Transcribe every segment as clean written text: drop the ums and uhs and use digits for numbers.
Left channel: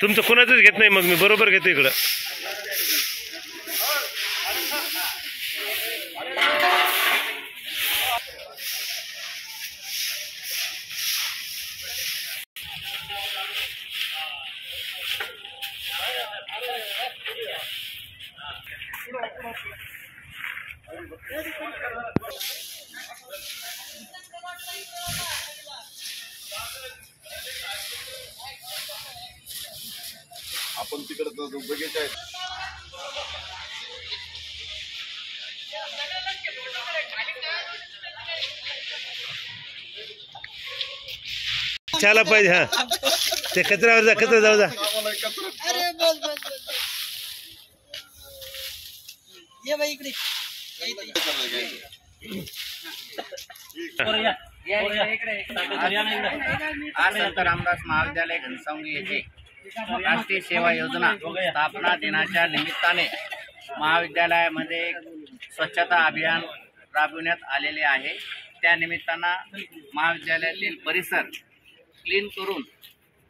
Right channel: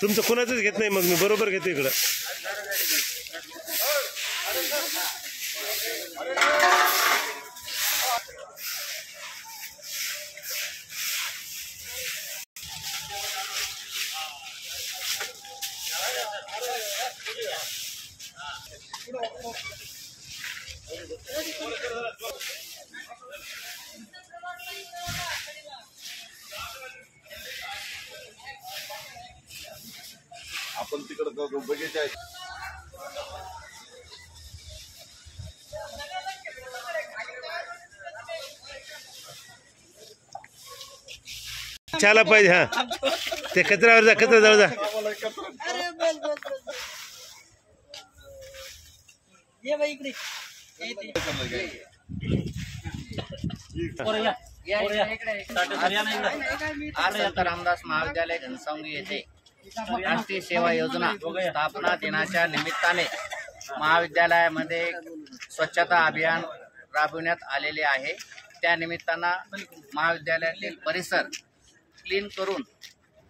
तुमचं कोणाचंच घेत नाही, मग मी बरोबर घेतो इकडं. आपण तिकडं बघायचं आहे. चला पाहिजे. हा ते कचऱ्यावर जा, कचरा जाऊ जा. अरे बस बस बस ये बाई इकडे. आज रामदास महाविद्यालय घनसावंगी येथे राष्ट्रीय सेवा योजना स्थापना दिनाच्या निमित्ताने महाविद्यालयामध्ये स्वच्छता अभियान राबविण्यात आलेले आहे. त्या निमित्तानं महाविद्यालयातील परिसर क्लीन करून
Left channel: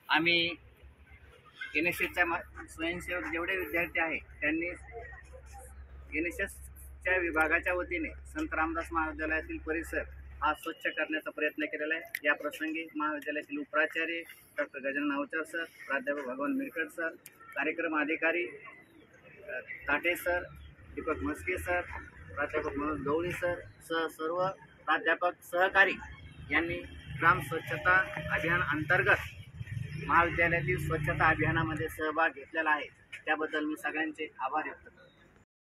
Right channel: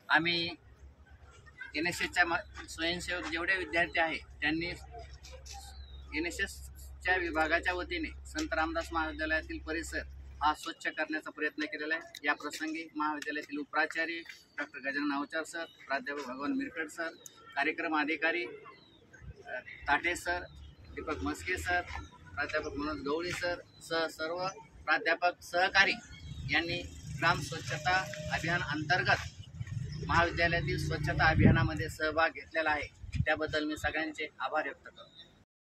आम्ही NSSच्या स्वयंसेवक जेवढे विद्यार्थी आहे त्यांनी NSSच्या विभागाच्या वतीने संत रामदास महाविद्यालयातील परिसर हा स्वच्छ करण्याचा प्रयत्न केलेला आहे. या प्रसंगी महाविद्यालयातील उपप्राचार्य डॉक्टर गजानन अवचार सर, प्राध्यापक भगवान मिरकट सर, कार्यक्रम अधिकारी ताटे सर, दीपक मस्के सर, प्राध्यापक मनोज गवळी सर सह सर्व प्राध्यापक सहकारी यांनी ग्राम स्वच्छता अभियान अंतर्गत महाविद्यालयातील स्वच्छता अभियानामध्ये सहभाग घेतलेला आहे. त्याबद्दल मी सगळ्यांचे आभार व्यक्त करतो.